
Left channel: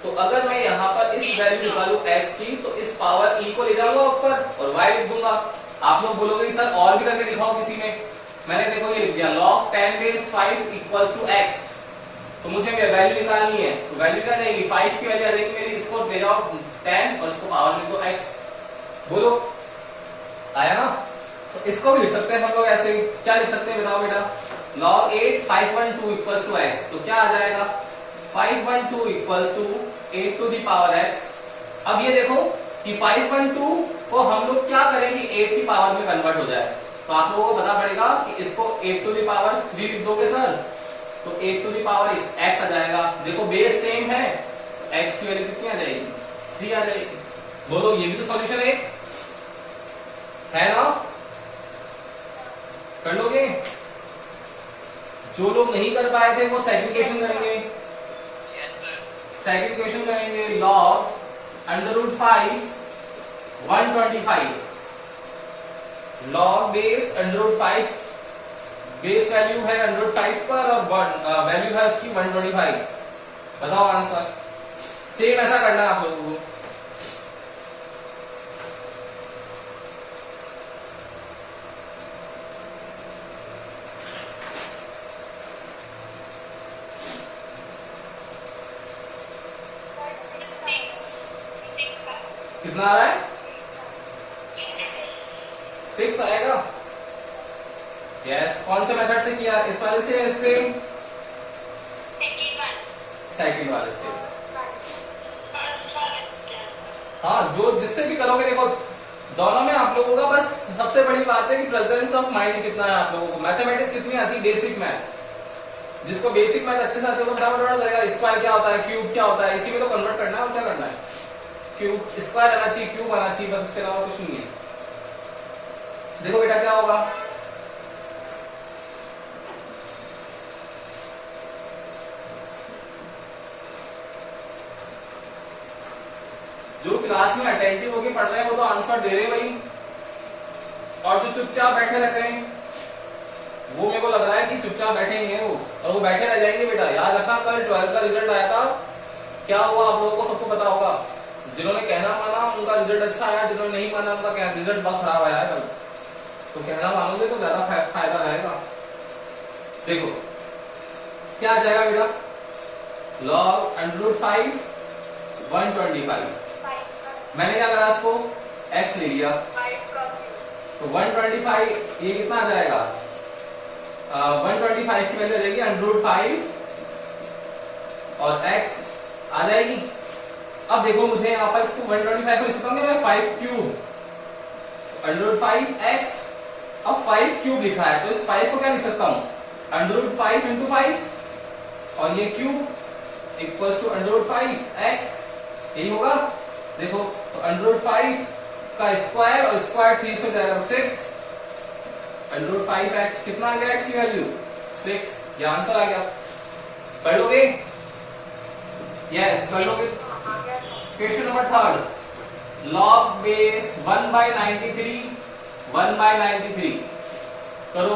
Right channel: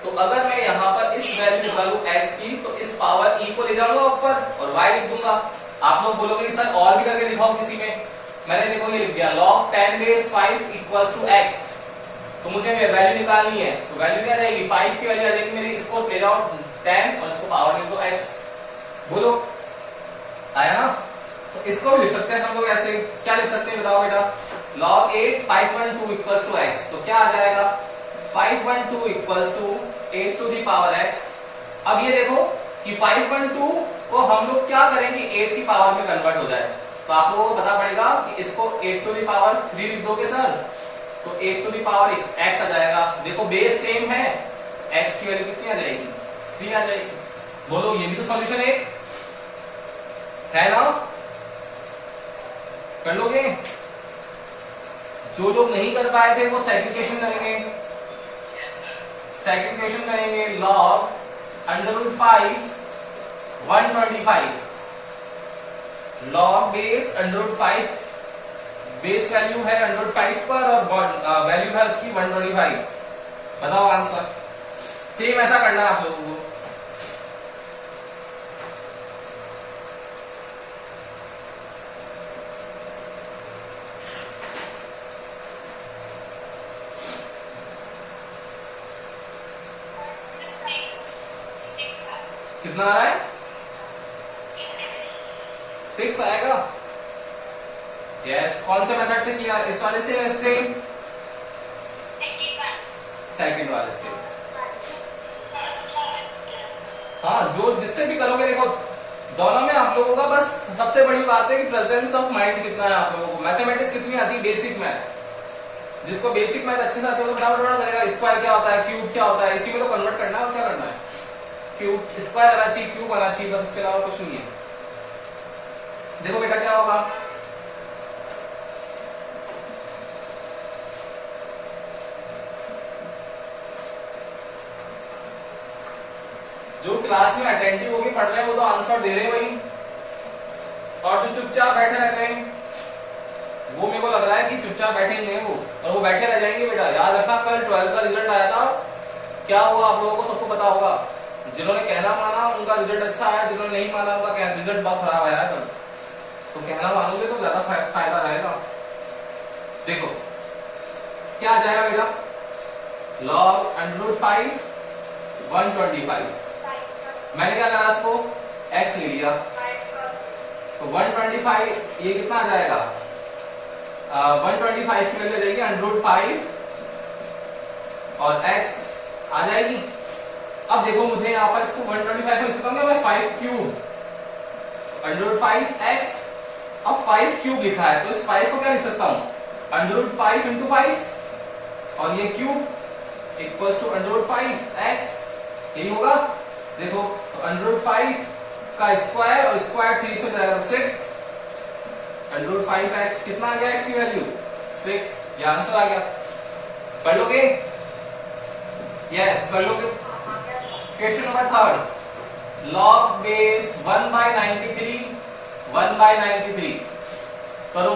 तो अगर मैं यहाँ पर इस वैल्यू निकालू x की तो इस पावर e को ले जाऊंगा ऊपर और y लिख दूंगा। आप लोग बोलोगे कि सर और भी करके दिखाओ किसी में, मैंने देखो ये लिख दिया log 10 base 5 equals to x, तो मुझे वैल्यू निकालनी है, तो वैल्यू क्या रहेगी 5 की वैल्यू आ जाएगी मेरी, इसको ले जाओ 10 और इसको पावर लिख दो x, बोलो आया ना। तो इसको भी लिख सकते हैं हम लोग ऐसे, क्या लिख सकते हैं बताओ बेटा, log 8 512 इक्वल्स टू x, तो क्या आ जाएगा 512 equals to 8 to the power x। अब ये देखो कि 512 को हम लोग क्या करेंगे 8 की पावर में कन्वर्ट हो जाए, तो आप लोगों को पता पड़ेगा कि इसको 8 टू दी पावर 3 लिख दोगे सर, तो 8 टू दी पावर x आ जाएगा। देखो बेस सेम है, x की वैल्यू कितनी आ जाएगी 3 आ जाएगी। बोलो ये भी तो सॉल्यूशन है ना, कर लोगे। जो लोग नहीं कर पाए थे वो सेकंड क्वेश्चन करेंगे, सेकंड क्वेश्चन करेंगे log √5 125, log base √5, base value है √5 पर और वैल्यू है उसकी 125, बताओ आंसर। सेम ऐसा करना है आप लोगों को। कितना आ रहा है 6 आएगा। यस, कौन से मेथड से किया, इस वाले से या इससे, सेकंड वाले से। हाँ, जो जिससे भी करोगे, देखो दोनों में आप लोगों का बस सबसे बड़ी बात है कि प्रेजेंस ऑफ माइंड कितना है आप लोगों को। मैथमेटिक्स कितनी आती है, बेसिक मैथ, जिसको बेसिक मैथ अच्छे से आती है तो फटाफट करेगा। स्क्वायर क्या होता है, क्यूब क्या होता है, इसी में तो कन्वर्ट करना है और क्या करना है, क्यूब स्क्वायर आना चाहिए, क्यूब आना चाहिए, बस इसके अलावा कुछ नहीं है। देखो बेटा क्या होगा, जो क्लास में अटेंटिव होके पढ़ रहे हैं वो तो आंसर दे रहे हैं भाई, और जो चुपचाप बैठे रहते हैं वो मेरे को लग रहा है कि चुपचाप बैठे ही हैं वो, और वो बैठे रह जाएंगे। बेटा याद रखा, कल 12th का रिजल्ट आया था, क्या हुआ आप लोगों को सबको पता होगा। जिन्होंने कहना माना उनका रिजल्ट अच्छा आया, जिन्होंने नहीं माना उनका रिजल्ट बहुत खराब आया कल। तो कहना मानोगे तो ज्यादा फायदा रहेगा। देखो क्या आ जाएगा बेटा, log √5 125, मैंने क्या करा, इसको x ले लिया, तो 125 ये कितना आ जाएगा, 125 की वैल्यू आ जाएगी √5 और x आ जाएगी। अब देखो मुझे यहाँ पर इसको 125 को लिख सकता हूँ क्या मैं, 5 क्यूब √5x, अब 5 क्यूब लिखा है तो इस 5 को क्या लिख सकता हूँ, √5 × 5 और ये क्यूब इक्वल्स टू √5x, यही होगा। देखो तो √5 का स्क्वायर और स्क्वायर 3 से जाएगा 6, √5x कितना आ गया, x की वैल्यू 6, ये आंसर आ गया। कर लोगे, यस कर लोगे। क्वेश्चन नंबर 3, log बेस 1/93 1/93 करो।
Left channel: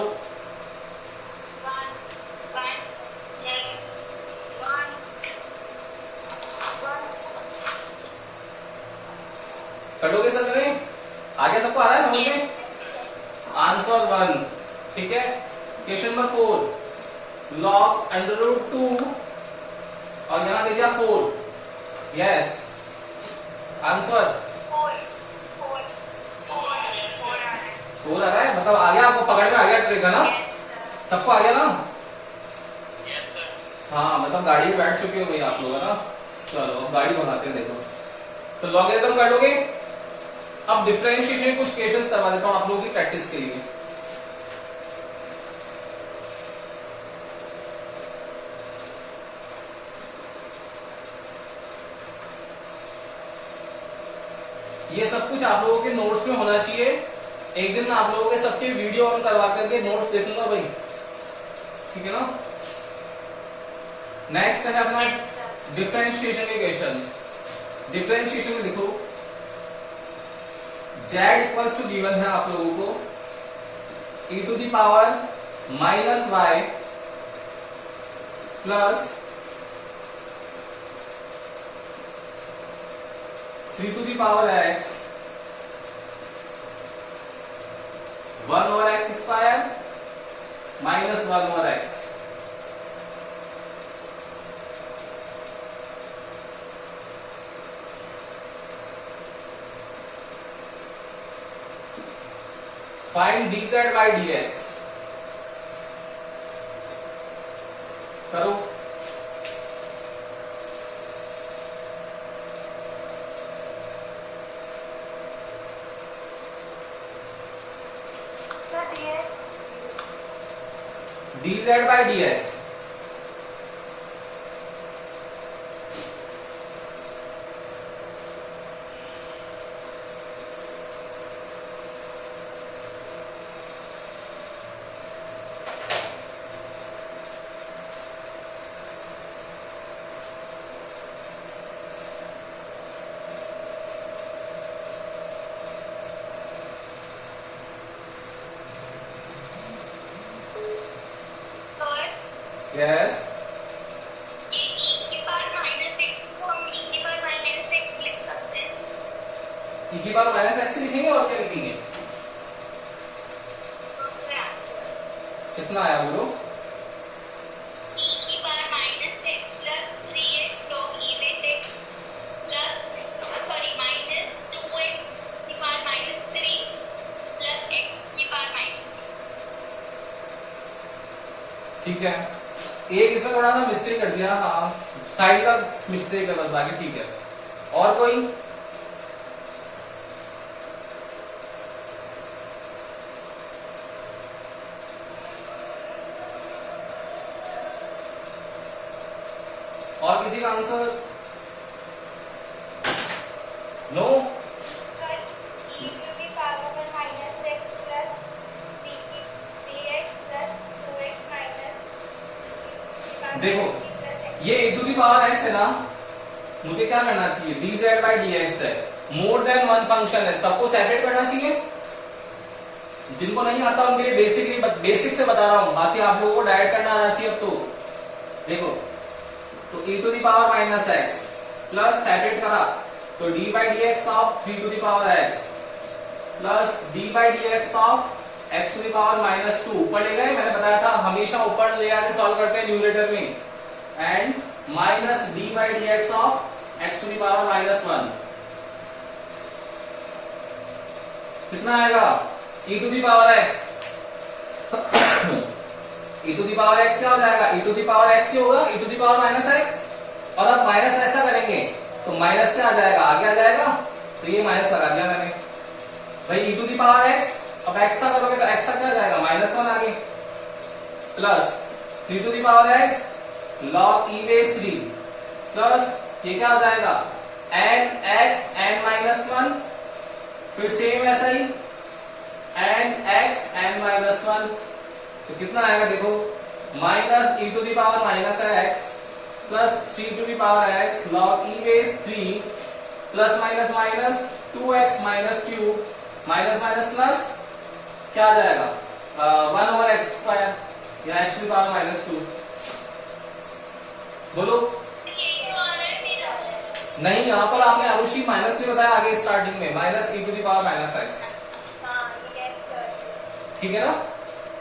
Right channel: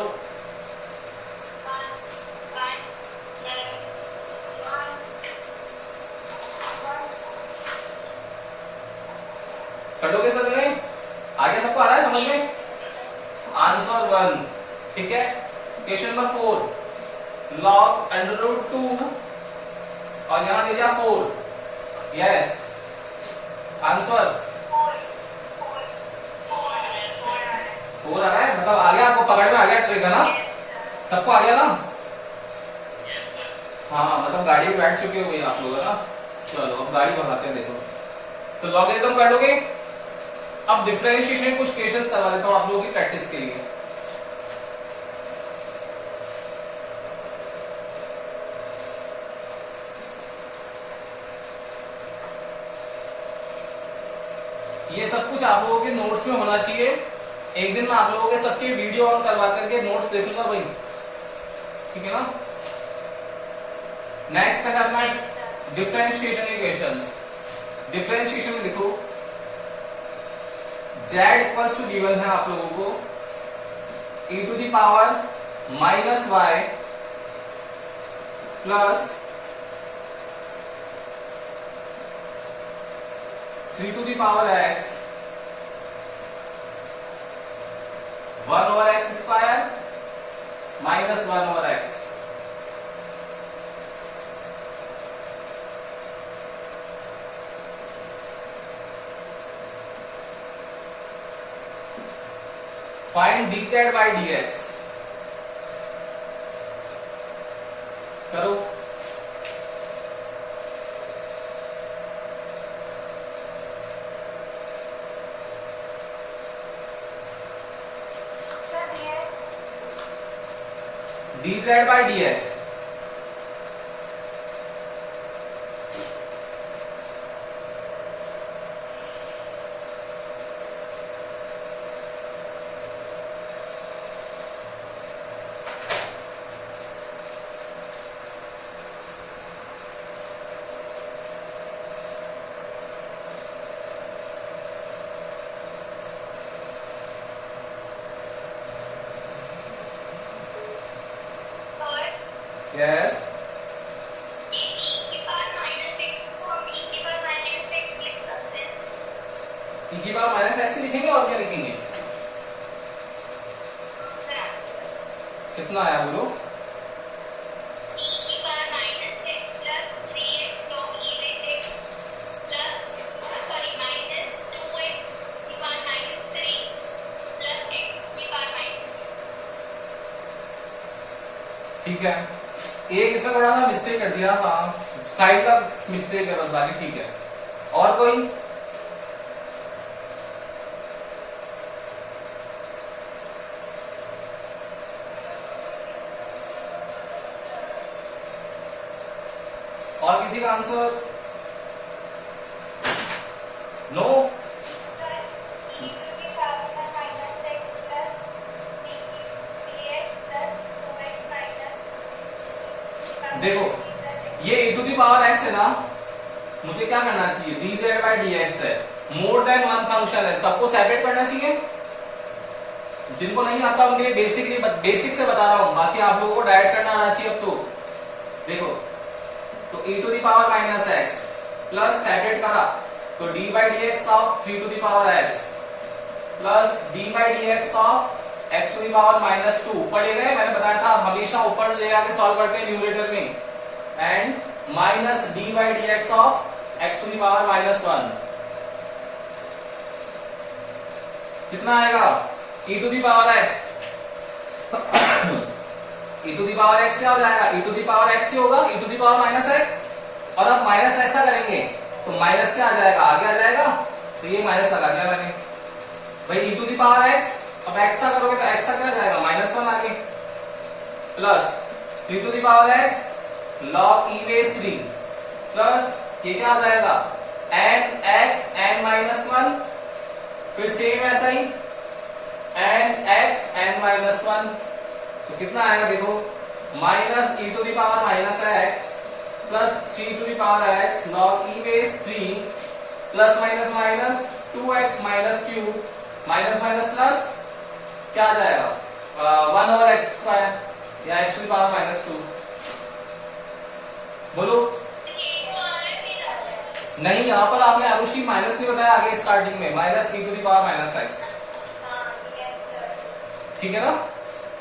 कर लोगे सर में, आगे सबको आ रहा है समझ में, आंसर 1, ठीक है। क्वेश्चन नंबर 4, log √2 और यहां दे दिया 4, यस आंसर 4 आ रहा है, मतलब आ गया, आपको पकड़ में आ गया ट्रिक है ना, सबको आ गया ना। हाँ मतलब गाड़ी में बैठ चुके हो आप लोग है ना। चलो गाड़ी भगाते हैं, देखो तो लॉगरिथम कर लोगे। अब डिफरेंशिएशन कुछ क्वेश्चंस करवा देता हूं आप लोगों की प्रैक्टिस के लिए। ये सब कुछ आप लोगों के नोट्स में होना चाहिए। एक दिन मैं आप लोगों के सबके वीडियो ऑन करवा करके नोट्स देखूंगा भाई, ठीक है ना। नेक्स्ट है अपना डिफरेंशिएशन के क्वेश्चंस। डिफरेंशिएशन में देखो z इक्वल्स टू गिवन है आप लोगों को e to the power -y plus 3 to the power x 1/x² minus 1/x। Find dz by dx। करो। Sir dz by dx। Yes, ये e की पावर -x को हम e की पावर -x लिख सकते हैं। e की पावर -x लिखेंगे और क्या लिखेंगे? कितना आया बोलो? e की power -x plus 3x log e base x plus sorry -2x की पावर -3 प्लस x की पावर -2। ठीक है, एक इसमें थोड़ा सा मिस्टेक कर दिया, हाँ साइड का मिस्टेक है बस, बाकी ठीक है। और कोई? और किसी का answer? No? e to the power -x plus 3x plus 2x minus देखो, ये e to the power x है ना, मुझे क्या करना चाहिए? dz by dx है, मोर देन वन फंक्शन है, सबको सेपरेट करना चाहिए। जिनको नहीं आता उनके लिए बेसिक से बता रहा हूं, बाकी आप लोगों को डायरेक्ट करना आना चाहिए। अब तो देखो, तो e to the power -x plus separate करा तो d by dx of 3 to the power x plus d by dx of x to the power -2 ऊपर ले गए। मैंने बताया था हमेशा ऊपर ले आके सॉल्व करते हैं न्यूमरेटर में, and minus d by dx of x to the power -1। कितना आएगा? e to the power x e to the power x क्या हो जाएगा? e to the power x ही होगा, e to the power -x। और अब माइनस ऐसा करेंगे तो माइनस क्या आ जाएगा? आगे आ जाएगा, तो ये माइनस लगा दिया मैंने भाई। e to the power x, अब x का करोगे तो x का क्या आ जाएगा? -1 आगे, plus 3 to the power x log e base 3 plus ये क्या आ जाएगा? n x n-1, फिर सेम ऐसा ही n x n-1, तो कितना आएगा देखो? Minus e to the power -x plus 3 to the power x log e base 3 plus minus minus 2x minus cube minus minus plus क्या आ जाएगा? 1/x² या x टू दी पावर -2। बोलो। नहीं, यहाँ पर आपने आरुषि माइनस नहीं बताया, आगे स्टार्टिंग में minus e to the power -x। ठीक है ना?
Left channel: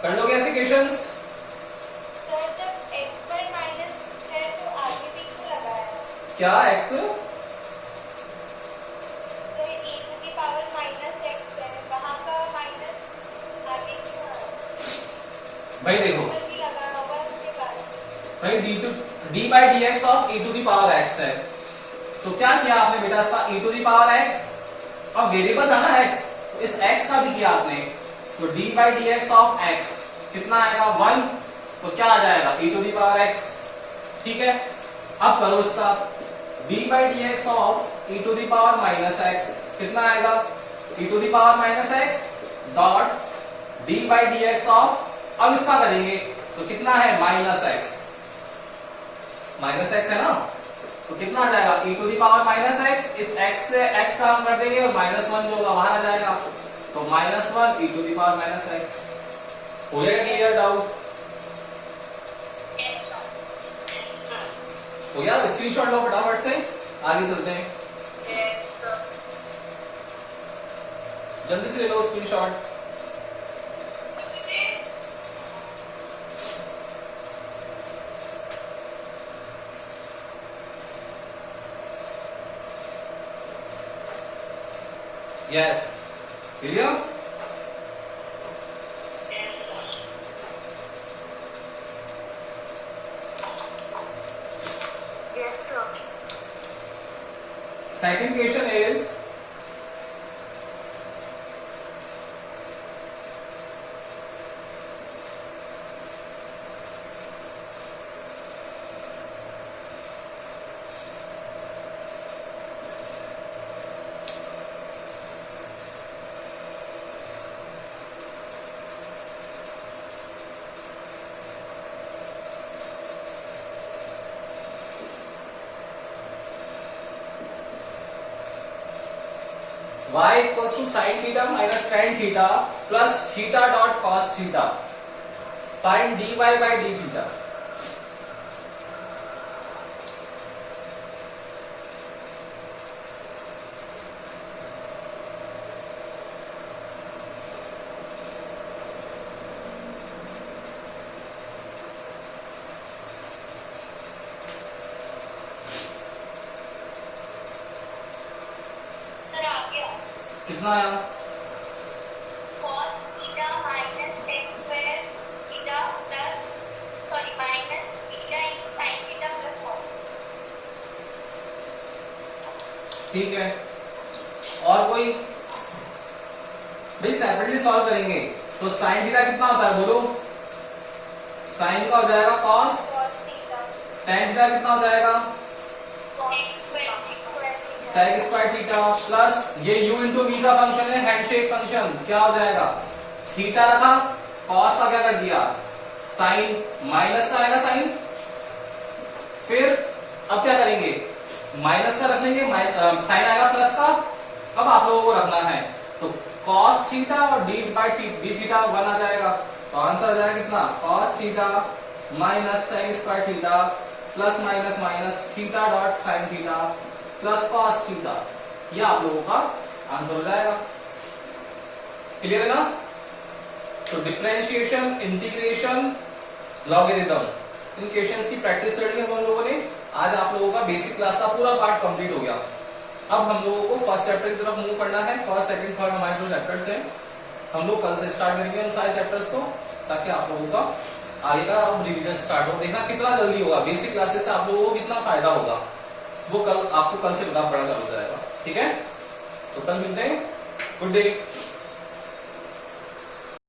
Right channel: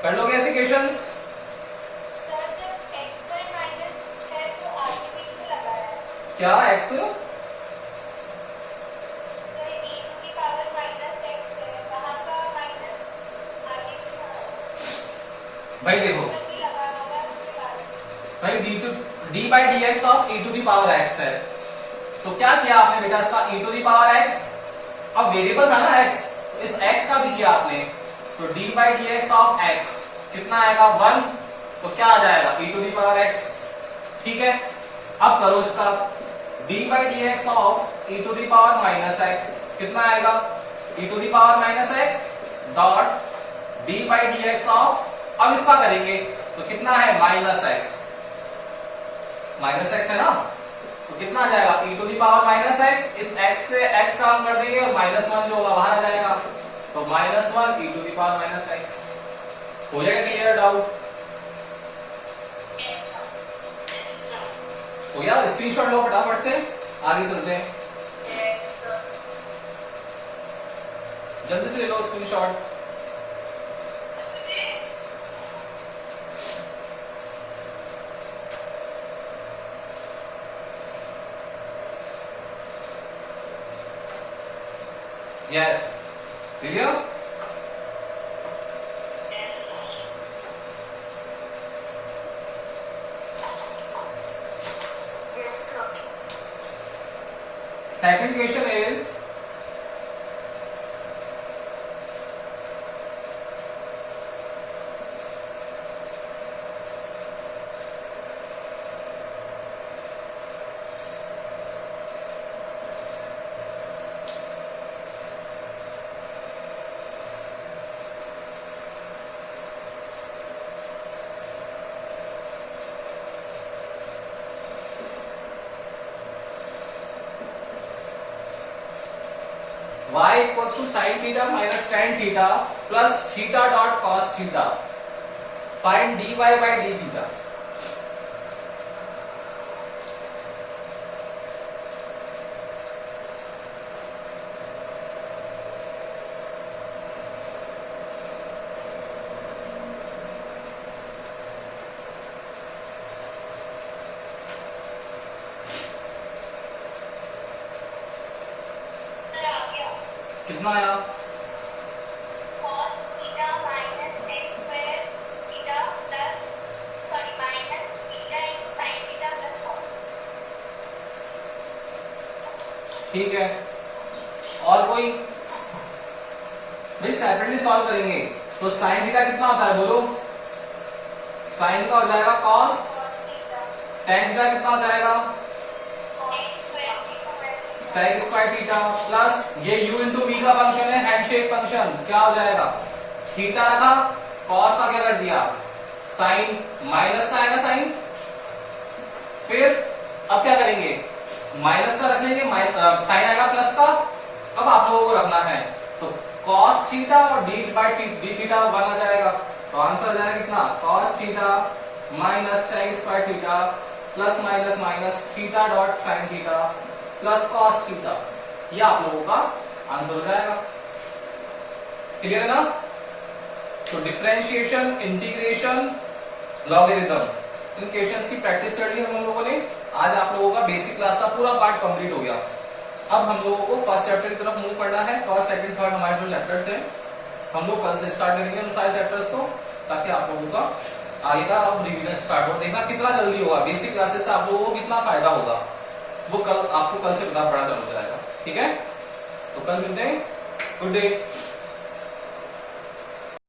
कर लोगे ऐसे क्वेश्चंस? सर जब x पर माइनस है तो आगे भी क्यों लगाया? क्या x? तो e to the power -x है, वहाँ का माइनस आगे क्यों आया? भाई देखो, नहीं लगा होगा उसके बाद। भाई d by dx of e to the power x है, तो क्या किया आपने बेटा? इसका e to the power x, अब वेरिएबल था ना x, तो इस x का भी किया आपने, तो d by dx of x कितना आएगा? 1, तो क्या आ जाएगा? e to the power x। ठीक है, अब करो इसका d by dx of e to the power -x कितना आएगा? e to the power -x dot d by dx of, अब इसका करेंगे तो कितना है? -x, -x है ना, तो कितना आ जाएगा? e to the power -x, इस x से x का हम कर देंगे और -1 जो होगा वहां आ जाएगा, तो -1 e to the power -x। हो जाएगा क्लियर? डाउट हो गया? स्क्रीनशॉट लो फटाफट से, आगे चलते हैं। जल्दी से ले लो screenshot. Yes, clear? Yes, sir. Second question is y equals to sin theta minus tan theta plus theta dot cos theta. Find dy by d theta. Sir आ गया। कितना आया? cos theta minus tan square theta plus minus theta into sin theta plus cos। ठीक है, और कोई? भाई सेपरेटली सॉल्व करेंगे तो साइन थीटा कितना होता है बोलो? साइन का हो जाएगा cos, cos theta tan theta कितना हो जाएगा? x square sec square theta plus ये u इंटू v का फंक्शन है, हैंडशेक फंक्शन, क्या हो जाएगा? थीटा रखा, cos का क्या कर दिया? साइन माइनस का आएगा साइन, फिर अब क्या करेंगे? माइनस का रख लेंगे, साइन आएगा प्लस का। अब आप लोगों को रखना है तो cos थीटा और d बाय डी थीटा 1 आ जाएगा, तो आंसर आ जाएगा कितना? cos theta minus sec square theta plus minus minus theta dot sine theta plus cos theta. ये आप लोगों का आंसर हो जाएगा। क्लियर है ना? तो डिफरेंशिएशन, इंटीग्रेशन, लॉगरिथम, इन क्वेश्चंस की प्रैक्टिस कर ली हम लोगों ने। आज आप लोगों का बेसिक क्लास का पूरा पार्ट कंप्लीट हो गया। अब हम लोगों को फर्स्ट चैप्टर की तरफ मूव करना है। फर्स्ट, सेकंड, थर्ड हमारे जो चैप्टर्स हैं हम लोग कल से स्टार्ट करेंगे उन सारे चैप्टर्स को, ताकि आप लोगों का आगे का अब रिविजन स्टार्ट हो। देखना कितना जल्दी होगा, बेसिक क्लासेस से आप लोगों को कितना फायदा होगा वो कल आपको कल से पता पड़ा चल जाएगा। ठीक है, तो कल मिलते हैं। Good day.